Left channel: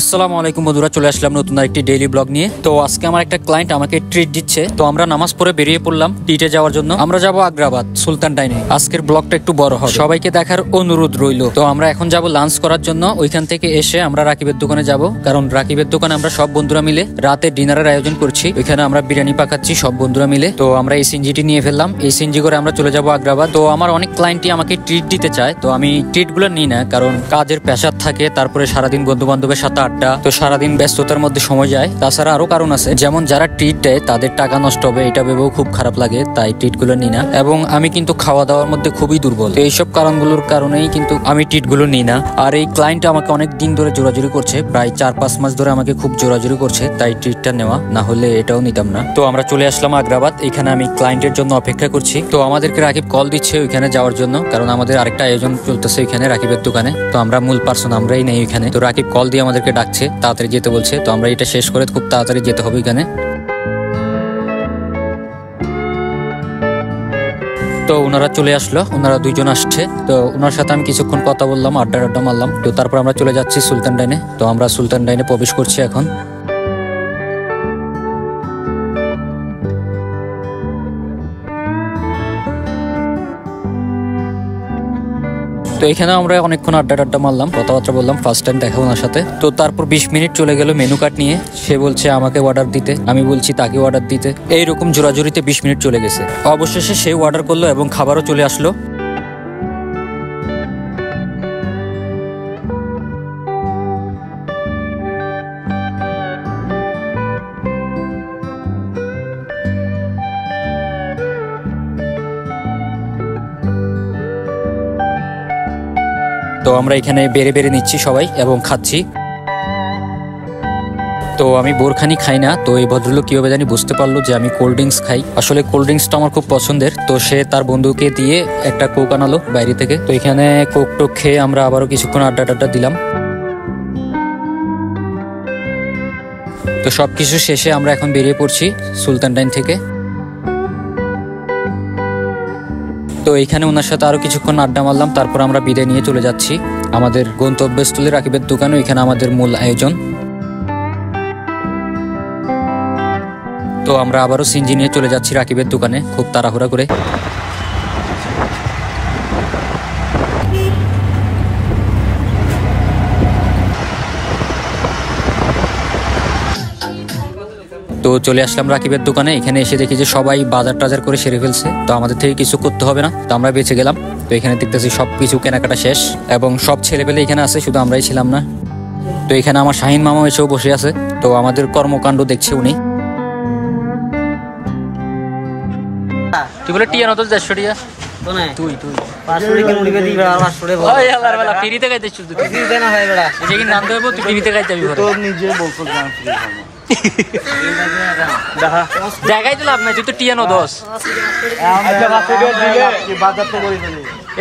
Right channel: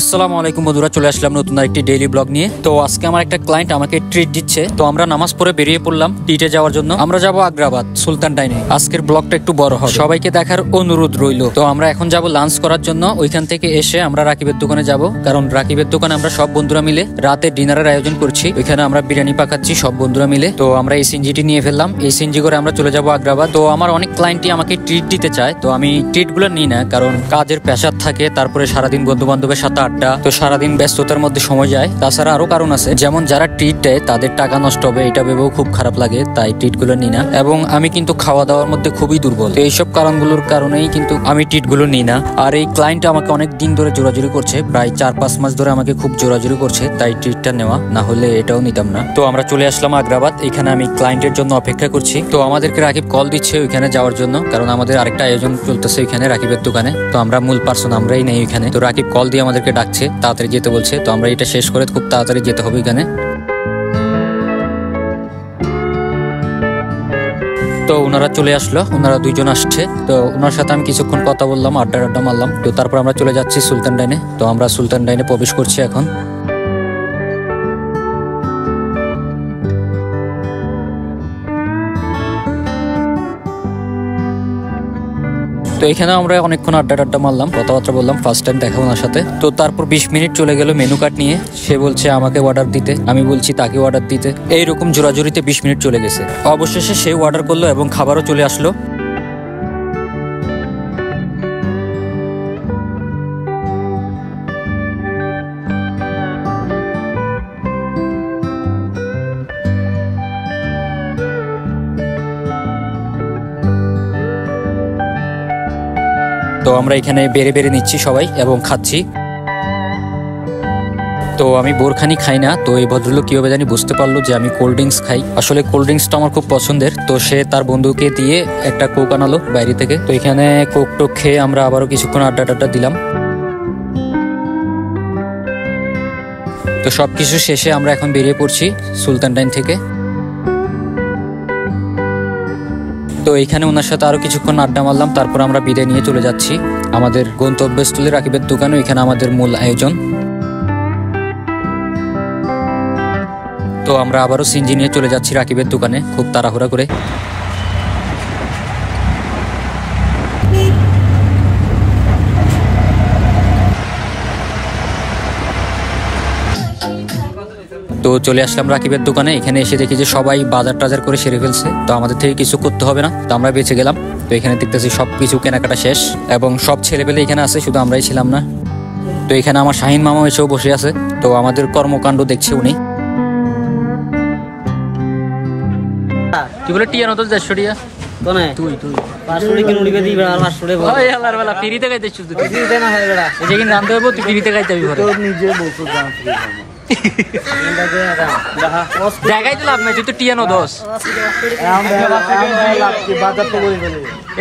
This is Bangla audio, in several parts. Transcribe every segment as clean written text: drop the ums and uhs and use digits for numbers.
আসসালামু আলাইকুম বন্ধুরা, চলে আসলাম নতুন একটি ডেইলি ব্লগ নিয়ে। তো আজকে আমার একটা ক্লায়েন্ট আমাকে ট্রিট দিচ্ছে, তো আমরা নামাজ পড়ে বেরিয়ে পড়লাম ট্রিটে যাওয়ার জন্য। আমরা যাব আগ্রাবাদ সুলতান ডাইনে। আজকের ব্লগটা একটু বড় হবে, সবাইকে দেখার অনুরোধ রইল। তো আমরা এখন যাব লাঞ্চ করার জন্য। ওইখান থেকে এসে আমরা রাকিবের দোকানে যাব, কারণ রাকিবের দোকানে আমরা সব বন্ধুরা মিলে রাতে ডিনারের আয়োজন করছি। ওইখানে আমরা বিরিয়ানি পাকাচ্ছি সব বন্ধুরা মিলে। তো আমরা এই সিনজিটি নিয়ে ফেললাম, এই সিনজি করে আমরা চলে যাব আগ্রাবাদ। তো আমার অনেক ক্লায়েন্টই আমাকে ট্রিট দিতে চায়, তো আমি ট্রিট গুলো নিই না, কারণ কাজের প্রেশার থাকে, তারপরে সারাদিন বন্ধু বান্ধবের সাথে আড্ডা, তো সারাদিন ব্যস্ততার মধ্যে সময় যায়। তাছাড়া আরো কারণ আছে, যেমন যারা ট্রিট দেয় তাদের টাকা নষ্ট হবে, এটা ভেবেও খুব খারাপ লাগে, তাই ট্রিট গুলো নিই না। এবং আমি কিন্তু খাওয়া দাওয়ার মধ্যে খুবই দুর্বল, তো এইসব কারণগুলোর কারণেই কিন্তু আমি ট্রিট গুলো নিই না। আর এই ক্লায়েন্ট আমাকে অনেক দিন ধরে জোরাজুরি করছে, প্রায় 4-5 মাস ধরে আমাকে খুব জোরাজুরি করছে, তাই ট্রিটটা নেওয়া, না হলে এটাও নিতাম না। তো আমরা চলে আসলাম আগ্রাবাদ। এখানে আমি ক্লায়েন্টের জন্য অপেক্ষা করছি। তো আমাদেরকে রাকিব কল দিচ্ছে ওইখানে যাওয়ার জন্য, কারণ আমাদের আরেকটা আয়োজন চলতেছে ওইখানে রাকিবের দোকানে। তো আমরা মূল পার্সন আমরাই নেই ওইখানে। তো রাকিব কল দিয়ে আমাদেরকে ডাকছে, তাড়াতাড়ি যেতে বলছে। তো আমরা এটা শেষ করে খুব তাড়াতাড়ি যেতে হবে এখানে। তো ওনারা চলে আসলো, ওনারা দুইজন আসছে। তো ওনার সাথে আমি কিছুক্ষণ কথা বললাম, আড্ডা মারলাম। তো তারপর আমরা চলে যাচ্ছি সুলতান ডাইনে। তো আমরা সুলতান ডাইনে প্রবেশ করছি এখন। তো এখানে আমরা অনেকক্ষণ আড্ডা মারলাম, কথাবার্তা বললাম, ফার্স্ট টাইম দেখা ওনার সাথে। তো তারপর 20 মিনিট চলে গেল মেনু কার্ড নিয়ে। সে বলছে আমাকে অর্ডার দিতে, আমি বলছি তাকে অর্ডার দিতে। এইরকম জোরাজুরিতে 20 মিনিট চলে গেছে। অবশেষে সে অর্ডার করলো এবং খাবারও চলে আসলো। তো আমরা এখানে বেড়ে নিচ্ছি সবাই এবং খাচ্ছি। তো আমি বোরখানি খাই না, তো এই ভদ্রলোক কিভাবে জানি বুঝতে পারলো যে আমি কোল্ড ড্রিঙ্কস খাই। আসলে কোল্ড ড্রিঙ্কসটা আমার খুব পছন্দের। তো সে তার বন্ধুকে দিয়ে একটা কোক আনালো বাইরে থেকে। তো এখানে কোক টোক খেয়ে আমরা আবারও কিছুক্ষণ আড্ডা দিলাম। তো সবকিছু শেষে আমরা এখন বেরিয়ে পড়ছি সুলতান ডাইন থেকে। তো এইখানে ওনার সাথে আরো কিছুক্ষণ আড্ডা মারলাম, তারপর আমরা বিদায় নিয়ে চলে যাচ্ছি আমাদের গন্তব্যস্থলে রাকিবের দোকানে। এখানে আমাদের মূল আয়োজন। তো আমরা আবারও সিনজি নিয়ে চলে যাচ্ছি রাকিবের দোকানে খুব তাড়াহুড়া করে। তো চলে আসলাম রাকিবের দোকানে। এখানে এসে দেখি যে সবাই বাজার টাজার করে সেরে ফেলছে, তো আমাদের থেকে কিছু করতে হবে না, তো আমরা বেঁচে গেলাম। তো এখানে দেখতেছি সবকিছু কেনাকাটা শেষ এবং সব ছেলেপেলে এখানে আছে, শুধু আমরাই ছিলাম না। তো এখানে আমার শাহিন মামা এসেও বসে আছে, তো আমাদের কর্মকাণ্ড দেখছে উনি। তুই বলে টিয়া নতো 150 টিয়া তো না, তুই 500 টাকা মুড়ি বেদি আর 500 টাকা ভাই আল্লাহর বেলা ফ্রিতে খাইতেছ তুই। ফ্রিতে না হয় বেটা, এই যে কি নাম দেব তুই ফ্রিতে খাইতে যাবি ঘরে, তোর নিজে বলছিস না জায়গায় তো লাভ নাই, তুই তো টিয়া নো দোস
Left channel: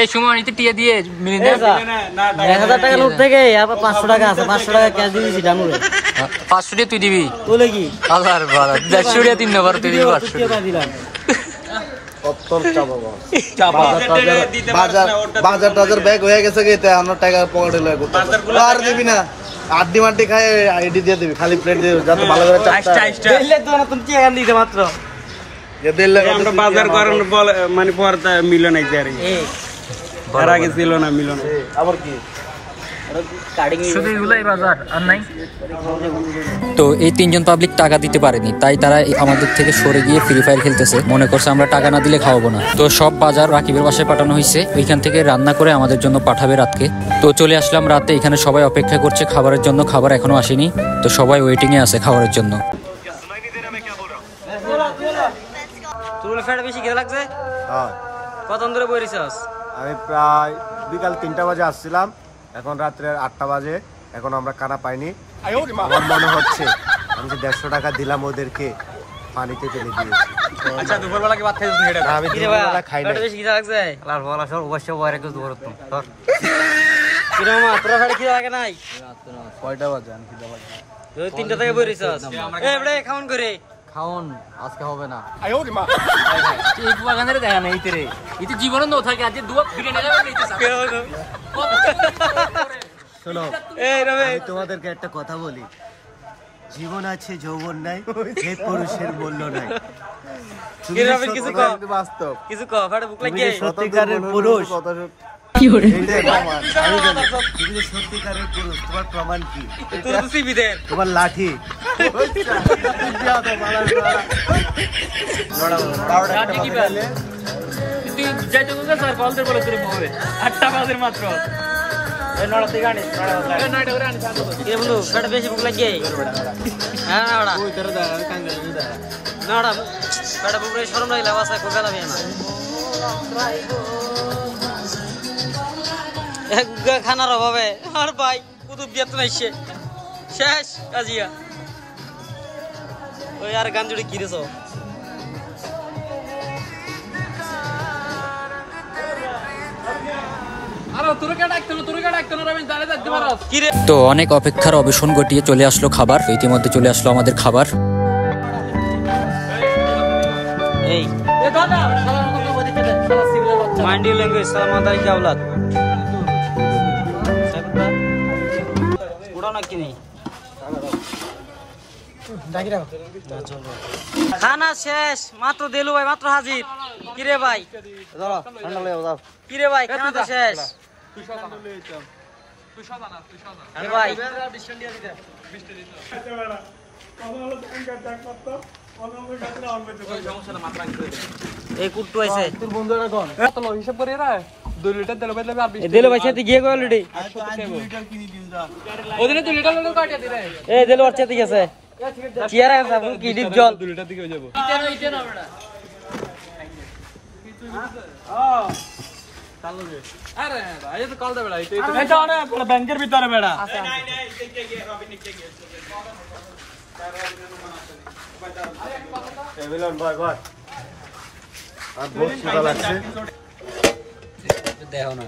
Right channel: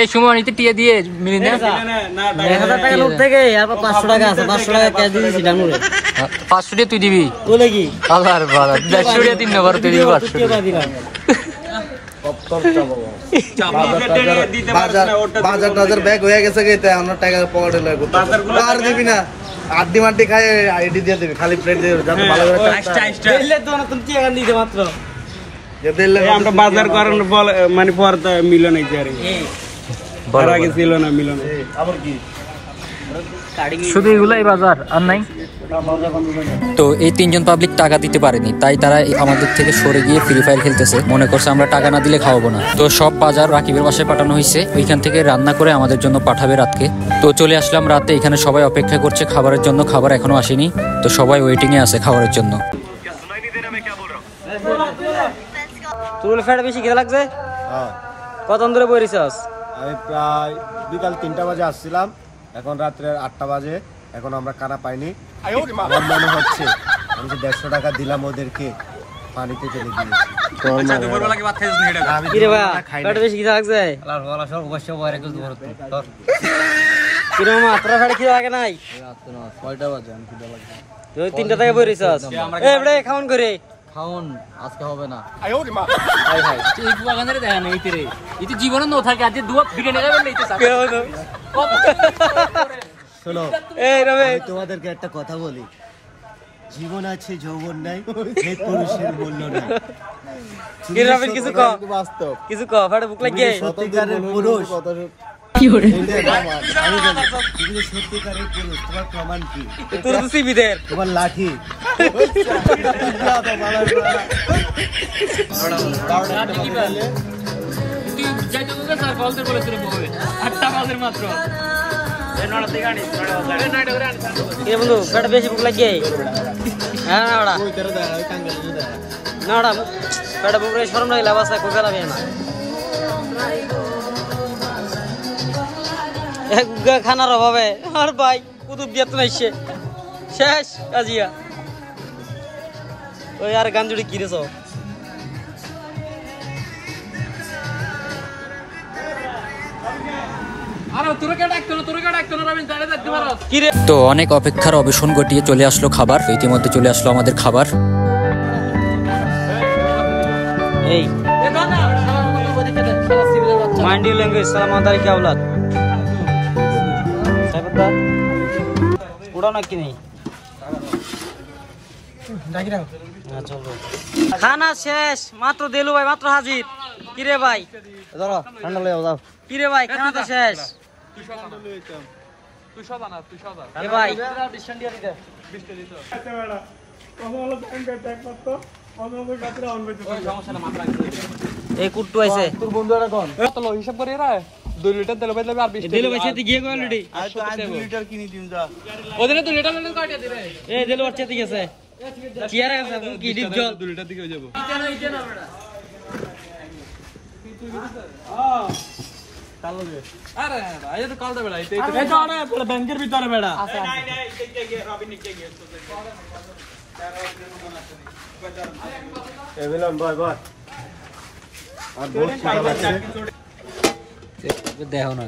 এই সময় নিতে টিয়া দিয়ে মিলি না 1000 টাকার মধ্যে থেকে আবার 500 টাকা আছে, 500 টাকা ক্যাশ দিয়ে দিছি ডানুরে। 500 টাকা তুই দিবি তোলে কি আল্লাহর বাবা 150 টাকা 3 নম্বর তুই দিবি 500 টাকা দিলাম। বাজার টাজার ব্যাগ হয়ে গেছে, আমার টাকা পকেটে লাগবে আর দিবি না, আড্ডি মাড্ডি খাই আইডি দিয়ে দিবি, খালি প্লেট দিয়ে দিবি, ভালো করে তুমি কি এখান দিতে মাত্র আমরা বাজার করার মানে পর্দা মিলন এক জারি বড় আগে ছিল না মিলন আবার কি শুধু এগুলাই বাজার আর নাই। তো এই 3 জন পাবলিক টাকা দিতে পারেনি, তাই তারা আমাদের থেকে সরে গিয়ে ফ্রি ফায়ার খেলতেছে, মনে করছে আমরা টাকা না দিলে খাওয়াবো না। তো সব বাজার রাকিবের বাসায় পাঠানো হয়েছে, ওইখান থেকে রান্না করে আমাদের জন্য পাঠাবে রাতকে। তো চলে আসলাম রাতে, এখানে সবাই অপেক্ষা করছে খাবারের জন্য, খাবার এখনো আসেনি, তো সবাই ওয়েটিং এ আছে খাবারের জন্য। তুল ফেড় বেশি খিদে লাগছে? হ্যাঁ। কতক্ষণ ধরে বই রিসাস? আমি প্রায় বিকাল 3টা বাজে আসছিলাম, এখন রাত্রে 8টা বাজে, এখন আমরা খানা পাইনি। আমার মনে হচ্ছে আমি যে 150 টাকা দিলাম ওদেরকে পানিতে চলে দিয়েছি। আচ্ছা দুপুরবেলা কি ভাত খাইছিস না? এটা কি রে ভাই ফেড় বেশি খিদে লাগছে? আল্লাহর ওয়ালা সব অবশ্য বাইরে কিছু ধরত তোর কি রে মা তোরা ফেড় খিদে লাগে নাই? কয়টা বাজে আমি খিদে লাগে? তুই 3টা থেকে বই রিসাস। এই বড়ে খাওন করে খাওন আজকে হবে না। ভাই ভাই এই বাগানের দেখা নাই তোরে, এই তো জীবন ন থাকে, আজ দুয়া বিরিয়ানি খাবেন না। শোনো এই রমেশ আমি তোমাদেরকে একটা কথা বলি, জীবন আছে যৌবন নাই, এই পুরুষের মূল্য নাই। কি রমেশ কিছু কও, বাস্তব কিছু কও, ফাটে বুক লাগে। সত্যিকারের পুরুষ কি করে আমি জানি, তুমি সত্যিকারের পুরুষ, তোমার প্রমাণ কি? তোর তো সিবিদের তোমার লাঠি। এ বন্ধু ফাটে বেশি বুক লাগে। হ্যাঁ না ওড়া না ওড়া ফাটে বুক রে শরম নাই লাভ আছে কই ফেলাবি না। এক খানার অভাবে আর ভাই কুতুব বিয়াত নাইছে শেষ কাজিয়া। ওই আর গান জুড়ে কিরেছ কিরে। তো অনেক অপেক্ষার অবসান ঘটিয়ে চলে আসলো খাবার। ইতিমধ্যে চলে আসলো আমাদের খাবার। এই মাইন্ডি ল্যাঙ্গুয়েজ সালামাত আলাইকুম আওলাদ সাইফুদ্দা উড়াও না কি নেই খানা শেষ মাত্র দেলু ভাই মাত্র হাজির। কিরে ভাই কিরে ভাই খানা তো শেষ। এ ভাই এই কুট্টু আইছে দিলো ভাই সেটি গিয়ে গেল রেডি ওদিনে 2 লিটার লোড কাটিয়ে দিলে এই দিলো আর চেতে গেছে চেয়ার আছে আপনি কি ডিপ জল 2 লিটার দিকে যাব আরে ভাই এটা কল দে বেড়া এটা এটা ব্যাংকের ভিতরে বেড়া এভিলাম বারবার আর বহুত সুন্দর লাগছে। দেখো না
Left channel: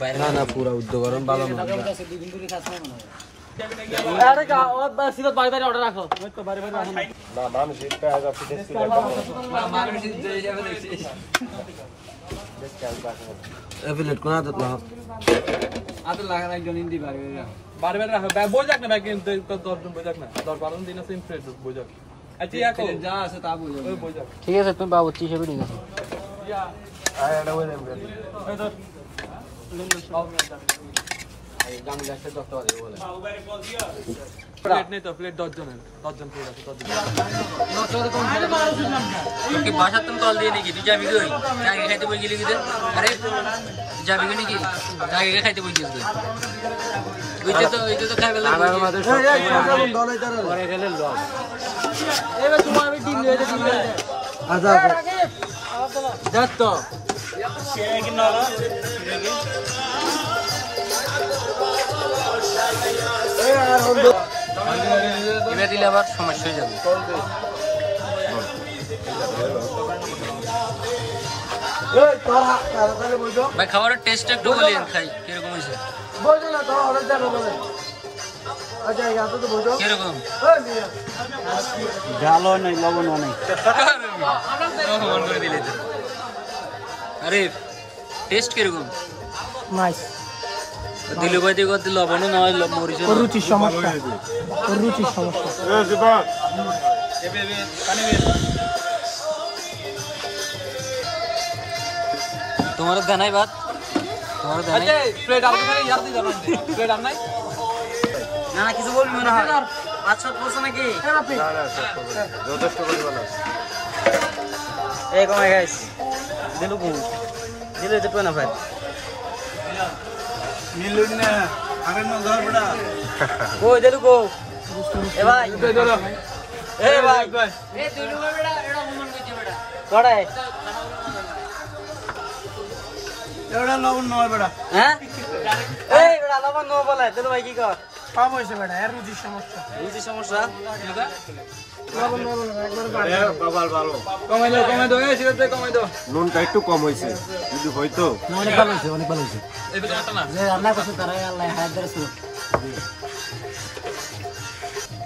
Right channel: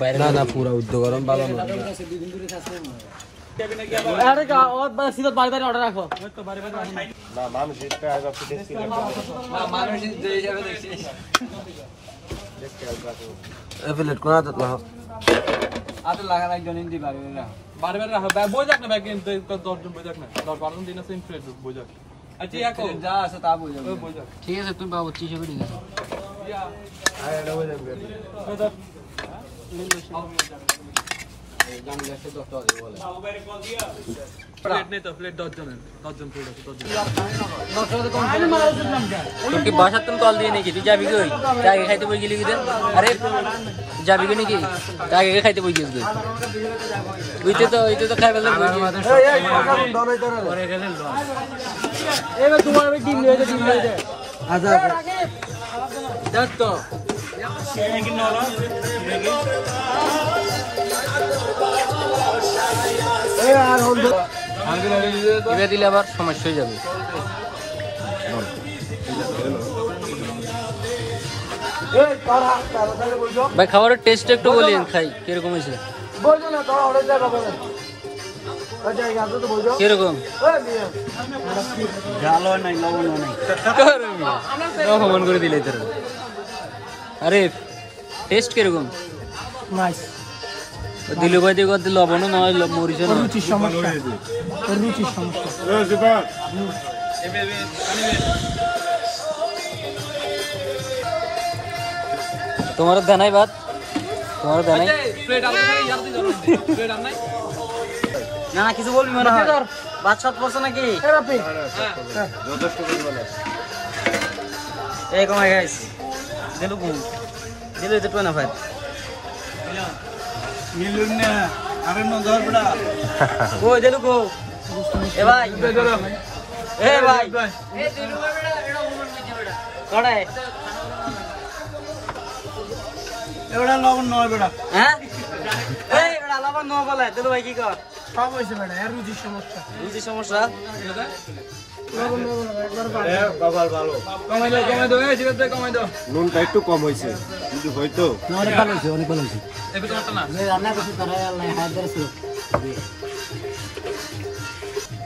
বাইরে না পুরো উদ্যোগ গরম ভালো না। আরে কা ওর বা সিধা বাড়ি বাড়ি অর্ডার রাখো না মানুষ এটা আছে দেখছি না মানুষ দিয়ে যাবে দেখছি এফিলেট কোনা তো না আতে লাগা না জনিন দি বাড়ি বাড়ি বাড়ি রাখো বই যাক না ব্যাগ কিন্তু 10 জন বই যাক না 10-12 দিন আছে ইনফ্রেড বই যাক আচ্ছা ইয়াকো যা আছে তা বই যাক ঠিক আছে তুমি বাবু 30 করে দিন। আয় এটা বলে দেব এই তো প্লেট নেই তো প্লেট 10 জন প্লেট আছে 10 জন তোর কি বাসা তুমি কল দিয়ে নাকি তুই যাবি কই আগে খাইতে বই গেলি কিদের আরে যাবি কই নাকি আগে খাইতে বই গেছিস কই ওইতে তো খাই ফেললে বই পরে গেলে লস এবার তোমার আমি ডিম নিয়ে আচ্ছা দেখ তো এবার দিলে আবার সমস্যা হয়ে যাবে। ভাই খাবারের টেস্ট একটু বলিন খাই কিরকম হয়েছে কিরকম ভালো নাই লবণ নাই কমন করে দিলে তোর আরে টেস্ট কিরকম নাইস দিলু ভাই দিকে দিল লবণ না হয় মরিচ না রুচির সমস্যা রুচির সমস্যা তোমার দেনাই বাদ তোমার দেনাই প্লেট আলু খালি ইয়ার দিও প্লেট আর নাই না না কিছু বলবি মনে হয় ভাত সাত পড়ছে নাকি যথেষ্ট পরিমাণ আছে। এই কমাই গাইস দিলু কো দিলু এটা টুনা ভাই মিলুন না আরে না ধর বড়া কই দিলু কো এ ভাই এ ভাই কড়াই এড়া লবণ নয় বড়া হ্যাঁ এই এটা লবণ নো বলে দিলু ভাই কি কর সব হইছে বড়া এর রুচির সমস্যা রুচির সমস্যা এ বাবার ভালো কমাই দাও এই সিরাতে কমাই দাও নুনটা একটু কম হয়েছে যদি হয়তো অনেক ভালো হইছে অনেক ভালো হইছে এই তো না যে রান্না করছে তারা আল্লাহ হায়াতের সুখ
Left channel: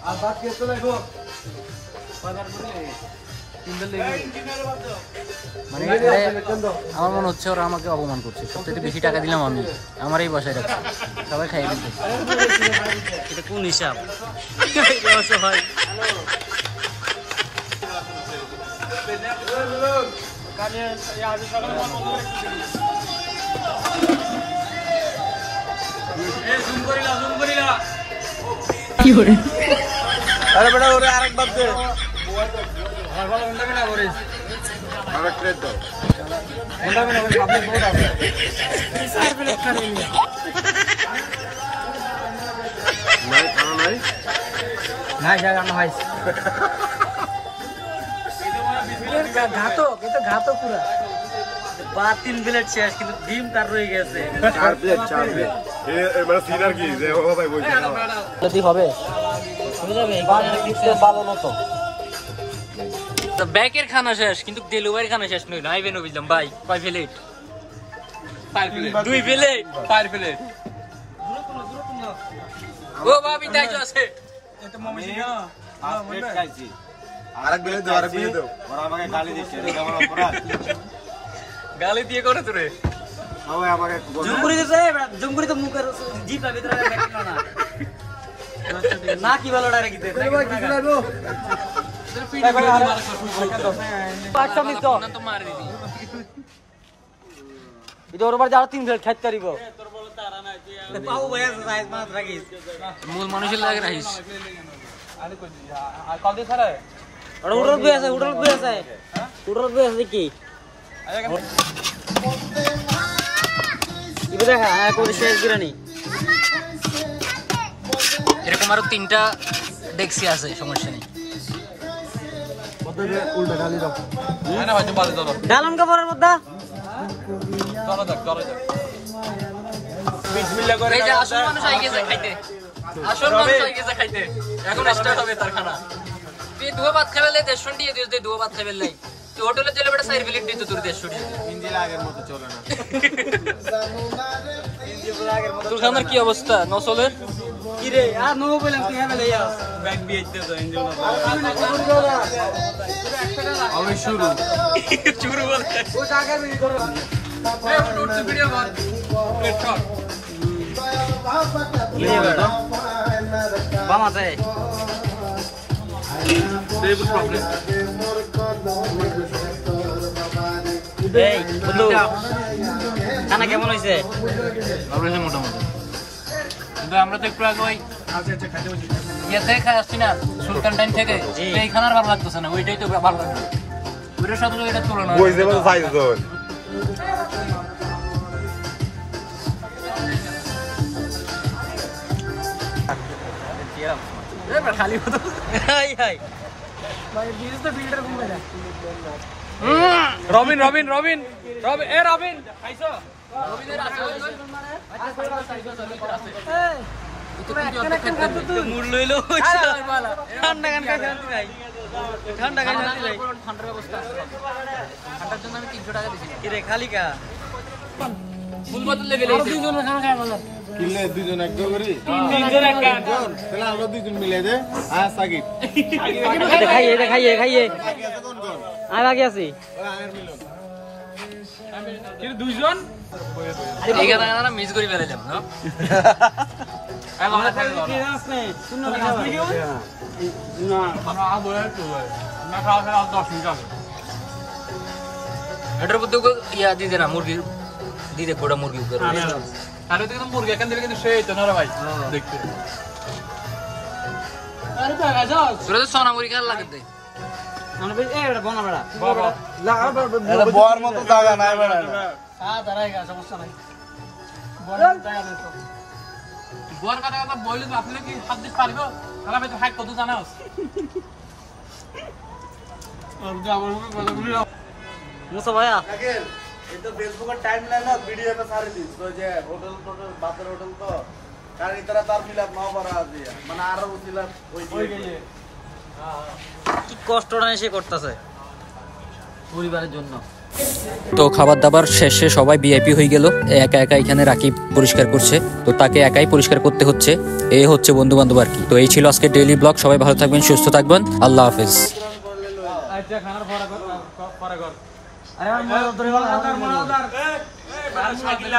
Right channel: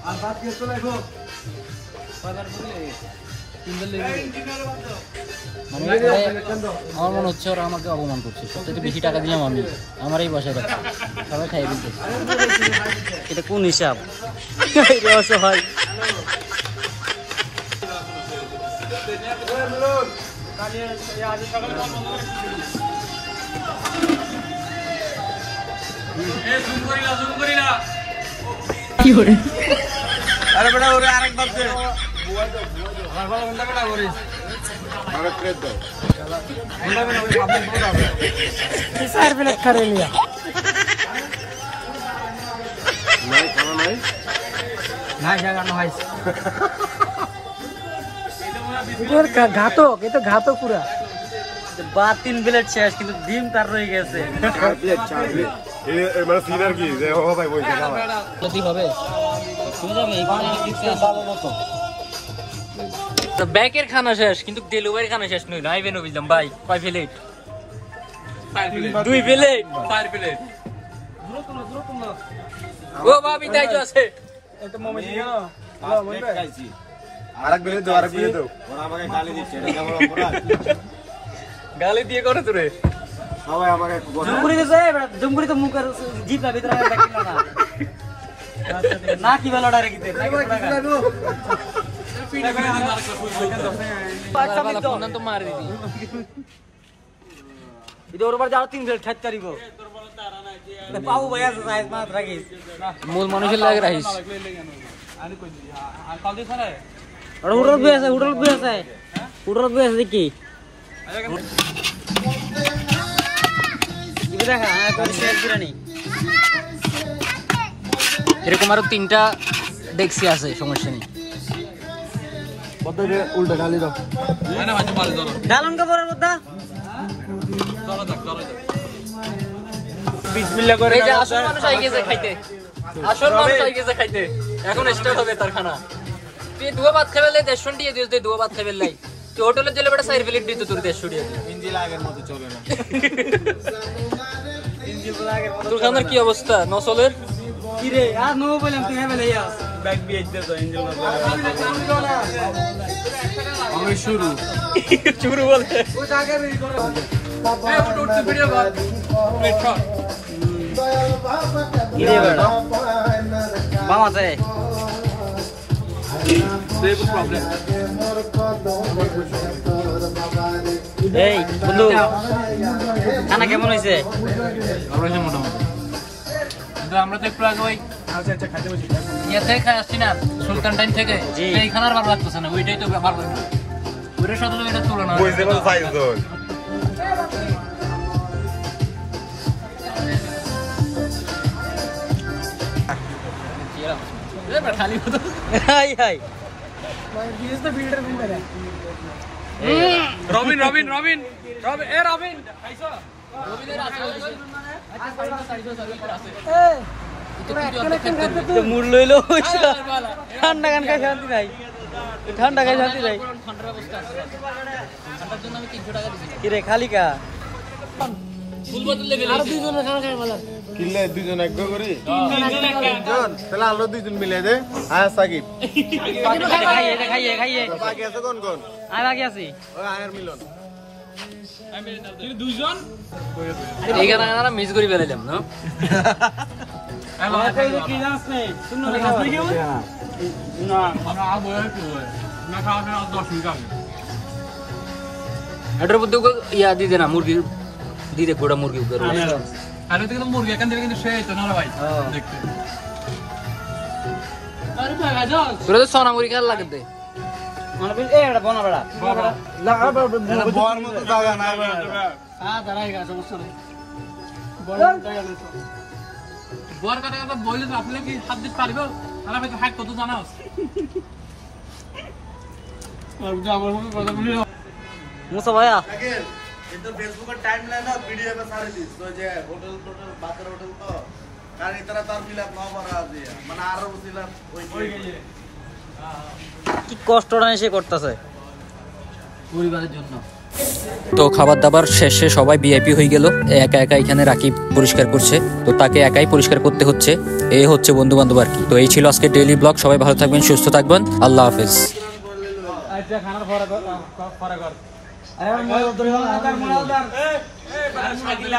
আর বাকি একটু দেখো কয়বার করে মানে আমার মনে হচ্ছে ওরা আমাকে অপমান করছে, সবচেয়ে বেশি টাকা দিলাম আমি, আমার এই বাসায় রাখছি, সবাই খাইয়ে দিতে। এটা কোন হিসাব? হয় কি করে আরে বড় ওরে আরেকবার দে আরেক প্লেট দাও স্যার প্লেট করে নিয়ে নাই খানা নাই নাই জায়গা না ভাই ঘাতক, এটা ঘাতক পুরো। বা 3 প্লেট শেষ, কিন্তু ডিম তার রয়ে গেছে 4 প্লেট এই মানে সিনার কি যে ও ভাই বলছে খাওয়া কি হবে ব্যাকের খানা শেষ, কিন্তু ডেলিভারি খানা শেষ নইল। আইবেন বুঝলাম ভাই, কয় প্লেট? 2 plate 4 plate. ও ভাবি তাই তো আছে। প্লেট খাইছি আরেক প্লেট দাও ওরা আমাকে গালি দিচ্ছে এটা কেমন অপরাধ গালি দিয়ে করে তোরে সবাই আমাকে জুমপুরি দিছে জুমপুরি তো মুখের জিপা ভিতরে দেখি না না কি বলো ডাইরেক্ট দিতে ফোন তো মার দিদি এটা ওর উপর যাও 3 প্লেট খাইতে পারিব বাবু ভাই আছে সাইজ মাছ রাখিস মূল মানুষের লাগে রাখিস। আরে কই আর কল দিয়ে ছাড়া উড়ল বি আছে কি ইবে দেখা কোন শেয়ার করে নি এরকম আরো 3টা ডেক্সি আছে, সমস্যা নেই। উল্টা গালি দাও না ভাই ভালো ধরো ডালন কাপড়ের মধ্যে চলো এই যে আসল মানুষ আই গেছে খাইতে, আসল মানুষ আই গেছে খাইতে, এখন স্টার্ট হবে তার খানা। তুই দুয়া ভাত খাবে লাই 150 দিয়ে দিস, দুয়া ভাত খাবে লাই তুই হোটেলে গেলে বেটা 4 প্লেট দিত তোর 150 দিয়ে দিস। ইঞ্জিল আগের মতো চলে না তোর খানার কি অবস্থা নসলের? কি রে আর নো বললাম তুই হেবে লইয়া ব্যাগ বিয়ে দিতে তো ইঞ্জিন আমি শুরু চুরু বলে ও টাকা রেডি করো এই উঠ ভিডিও কর প্লেট শট কি রে বেটা বামাতে দেবুল প্রবলেম এই বন্ধু খানা কেমন হইছে? ভালো হয়েছে মোটামুটি, কিন্তু আমরা তো একটু আগে ওই আচ্ছা খাইতে বসি ইয়েতে খাই আসছি না সুলতান টাইম থেকে, তো এই খানার ভালো লাগতেছে না, ওইটাই তো ভালো লাগবে, ওইটার সাথে তো এটা তুলনা হয়। বুঝতে পারছো সাইজ তো খালি হতো হাই হাই রবিন এ রবিন খাইছো রবিদের আছে ওই আচ্ছা সাইডে আছে তো মুড লইলো ঠান্ডা গান খাই শান্তি নাই ঠান্ডা খাই শান্তি নাই ঠান্ডার ব্যবস্থা আছে, ঠান্ডার জন্য আমি 300 টাকা দিয়েছিলাম। কি রে খালি কা ফুল বোতল লেগে আর দুজন খানা খায় ভালো কিনলে দুজন এক করি তিনজন একটা তাহলে আমরা দুজন মিলে দে হ্যাঁ সাকিব খাইয়ে বাকি আছে কোন আমি আগে আছি ওই আগের মিলন কিন্তু দুইজন এই গানা মিস করে ফেলাইলাম না। আমার কই কি নাস নেই শুন না না আমরা আবো না খাওয়া ফেরা 10 মিনিট আগে এটার মধ্যে ইয়া দিতে না মুরগি দিতে গোড়া মুরগি উপরে আরে তো কিন্তু মুরগি এখান থেকে কিন্তু সেই তো না ভাই দেখতে আরে টাকা যাও তোরা তো সোনা মুরগি খাওয়ার লাগতে আমার এ এটা বনা বড়া না বর মতো জায়গা না দাঁড়াই গা সমস্যা নাই গোয়ার কথা কথা বললে আপনি কি হাত দিতে পারবে তাহলে আমি তো হ্যাক কত জানাও মুসা ভাইয়া কিন্তু ফেসবুকের টাইম লাইন না ভিডিও না সারি দিস তো যে হোটেল বাতের হোটেল তো কারণ ইতরা তার ফিলাপ না করা আছে মানে আরো উচিলাম ওই কি কষ্টটা সে করতেছে পরিবারের জন্য। তো খাবার দাবার শেষে সবাই ভিআইপি হয়ে গেল, একা একা এখানে রাকিব পরিষ্কার করছে, তো তাকে একাই পরিষ্কার করতে হচ্ছে, এই হচ্ছে বন্ধু বান্ধব আর কি। তো এই ছিল আজকে ডেইলি ব্লগ, সবাই ভালো থাকবেন, সুস্থ থাকবেন, আল্লাহ হাফেজ। আচ্ছা খানার ফরা কর আরে আমার মনে ধরে গেল শাকিলা